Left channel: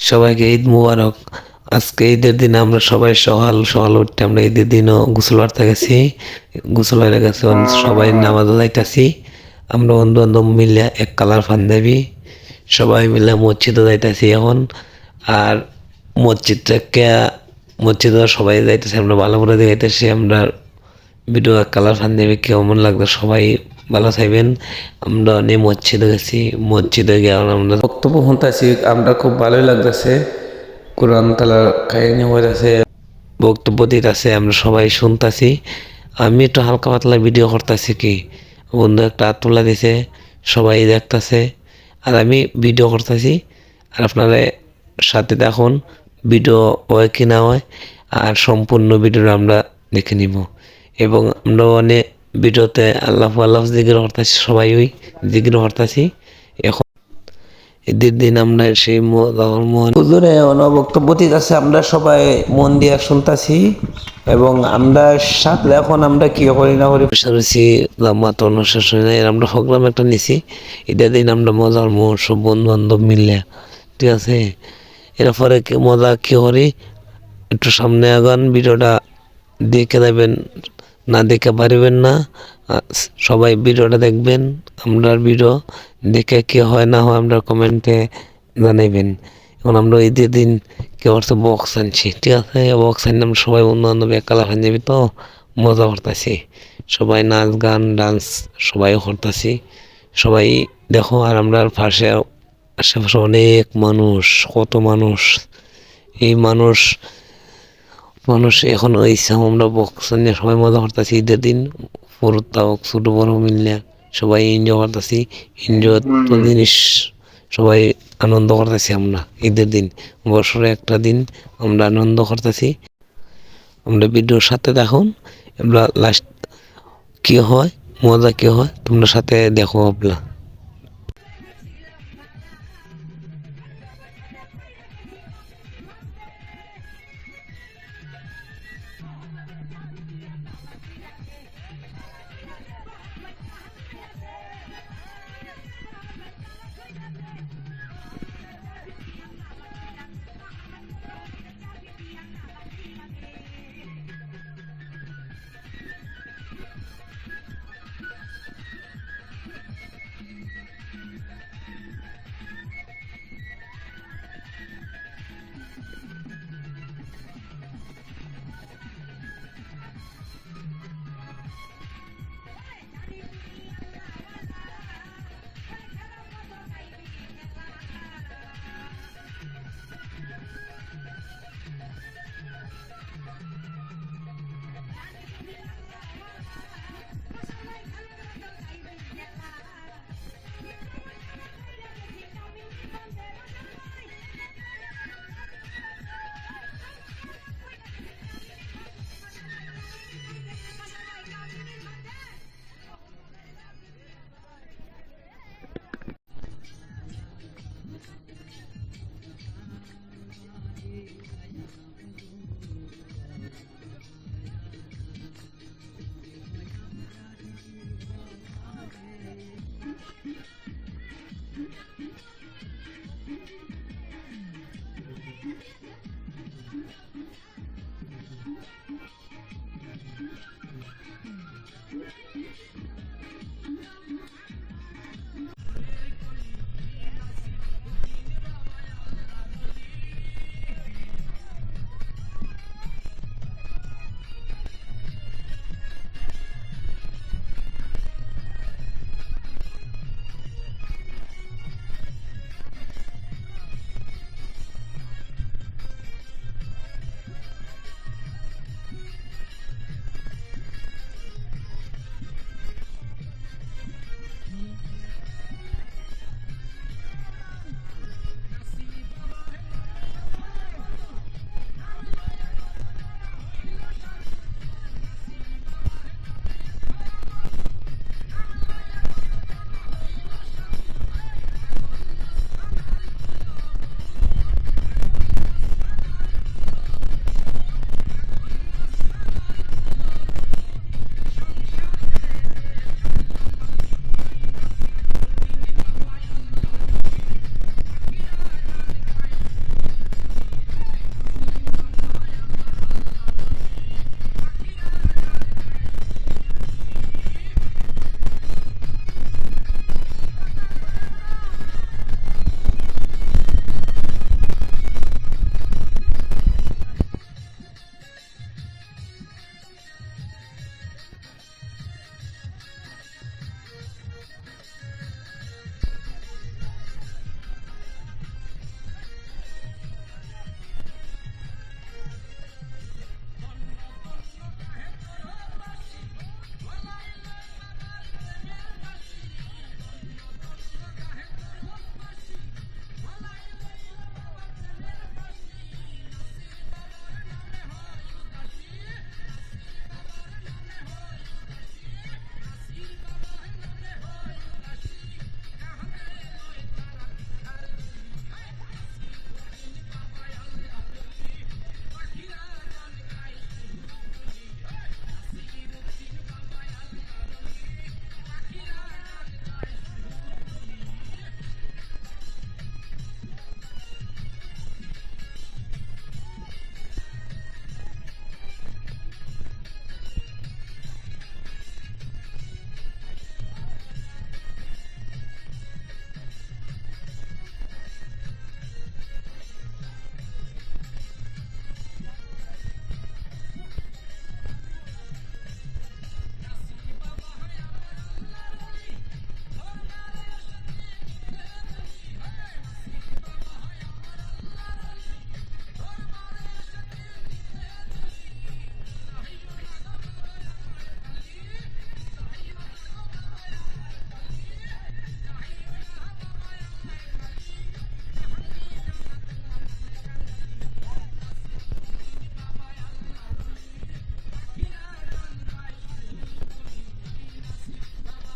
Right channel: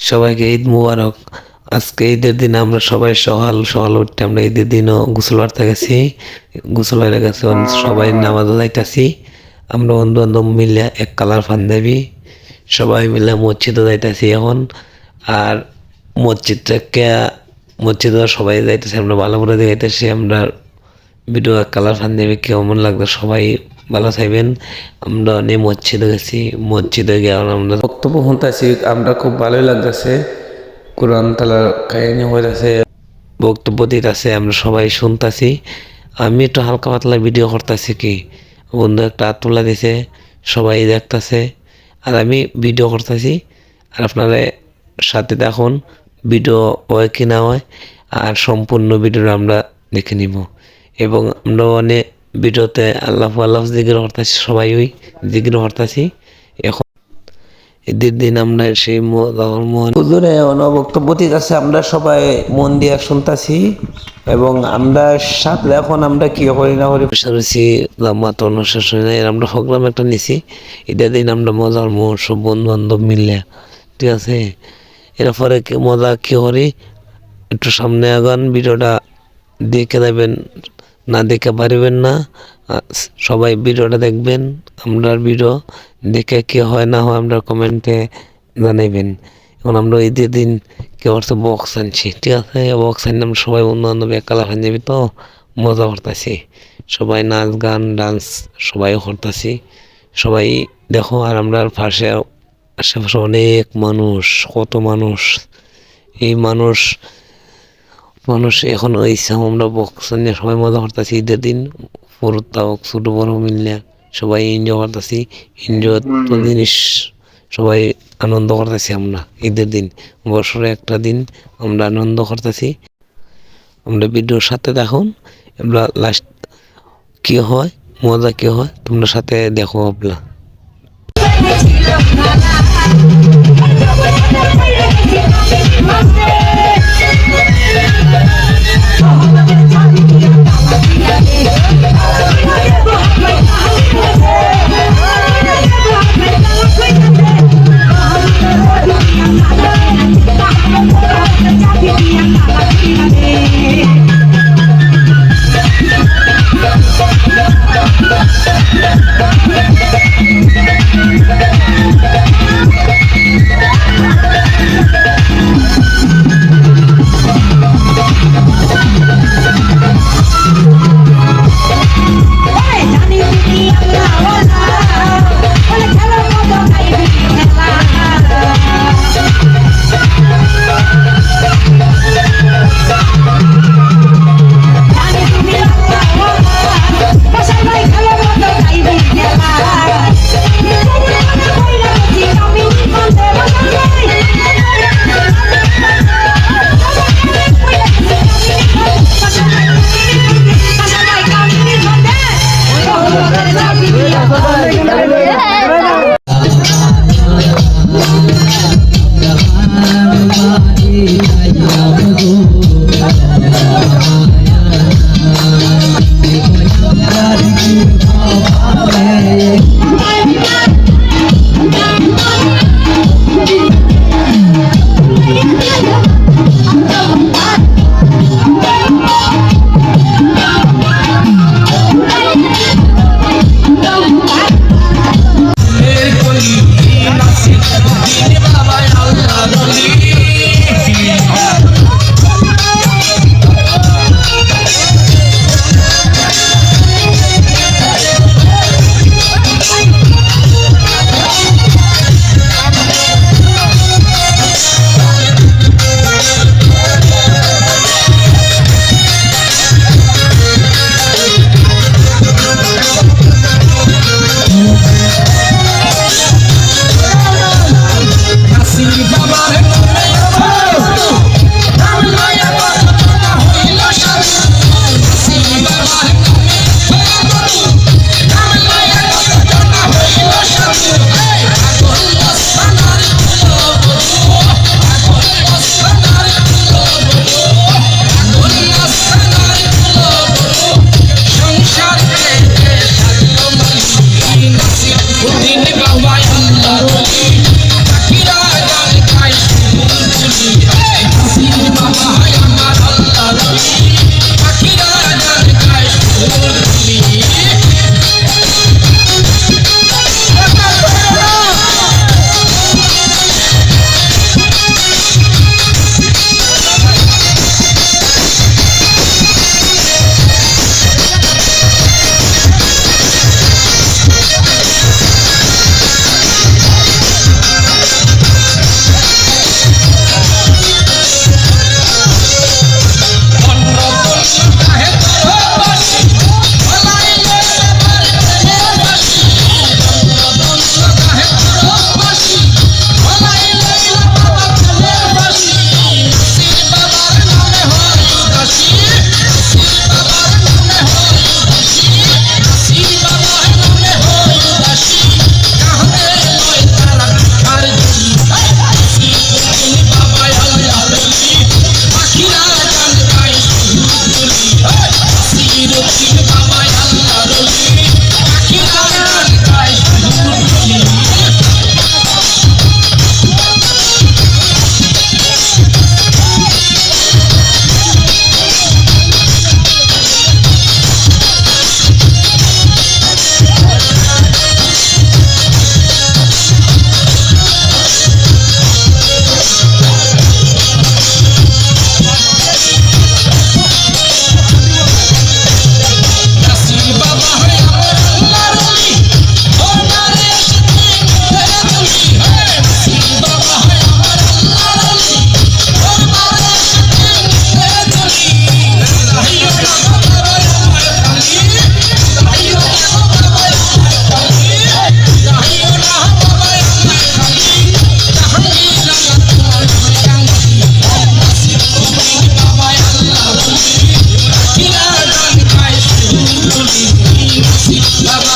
সবাইকে ঈদ মুবারক। আজকে ঈদের দিন আমরা সবাই সকাল সকাল উঠতে আমরা ঈদের দিনও গোসল করতে গেছি। গোসল হয়ে গেছে, সবাই নামাজ যাইতাছি। আমরা বন্ধু বান্ধব মিলে এক কালার পাঞ্জাবি সবাই মিলে মসজিদে যাইতাছি এখন। আর মসজিদে সবাই যাইতেছি, আমরা ভালো করে যাইতেছি। আমরা ভিডিও এক কালার পাঞ্জাবি কেমন লাগতো সবাই ভালো চাইবেন। আমরা অনেক মসজিদে গেছি, মসজিদে গিয়ে আমরা বক্তব্য শুনতেছি, আমরা খুব ভালোই লাগতেছে। কোরআন তালার কাহিনী হইতেছে, বক্তব্য দিতেছে, আমরা সবাই শুনতেছি। আমি একটু হালকা পাতলা ভিডিও করতেছি, কি বন্ধু একটা হাত তোলা দিছে, সবাই দেখতেছে আর আমি ভিডিও করতেছি। আর আপনারা সাথে দেখুন ভিডিও হয় কি না হয়, আর সম্পূর্ণ ভিডিওটা আমরা দেখে নিব। এবং আমরা অনেক ভিডিওতে আল্লাহ আল্লাহ জিকির করতেছি, সবাই ওই জিকির করতেছি। এখন ঈদের দিন আমরা সেই হুজুরে বক্তব্য দিতেছে, আমরা সবাই মন দিয়ে শুনতেছি। এবং আমরা সাথে এখন আমরা কি করি না করি বসে জামাত অনুশেষ হয় না, আমরা প্রোগ্রাম একটা নিছি। ঈদের দিন আমরা মজার সব বন্ধু বান্ধব মিললে, ঠিক আছে। এরপরে মজা কি করি, একটু সামনে আগান, ভিডিওটা দেখে দেবেন, না দেখে পারবেন না। সবাই ভিডিওটা দেখবেন, আমরা ভিডিও দেখে কি হয় না হয় আমরা কমেন্টে জানাইবেন। এখন আমরা ঈদের দিন কি করছে, বক্স আনছি, ঠিক আছে। বক্স আনি আমরা সবাই বন্ধু বান্ধব এক কালার হয়ে যাবি, তো মজা করতেছি, সবাই নাচ গান ডান্স সবাই করতেছি। সবাই দেখো, আর আমরা পাশে আশেপাশে অনেক মানুষ, কত মানুষ, এই মানুষ এখন হয়েছে। আমরা বক্স নিয়ে সবাই মজা করতেছি ঈদের দিন, পুরোটা ছোট বড় মিললে সবাই এনজয় করতেছি। এনজয় তো জিনিস, সবাই আনন্দ করতেছি আমরা ঈদের দিন, বছরে একটা দিন আমরা আনন্দ করতেছি। আমরা ভিডিওর সাথে দেখুন, আমরা লাস্ট কি হয়, মজা কি হয় তোমরা সাথে দেখো আপনার। বাবা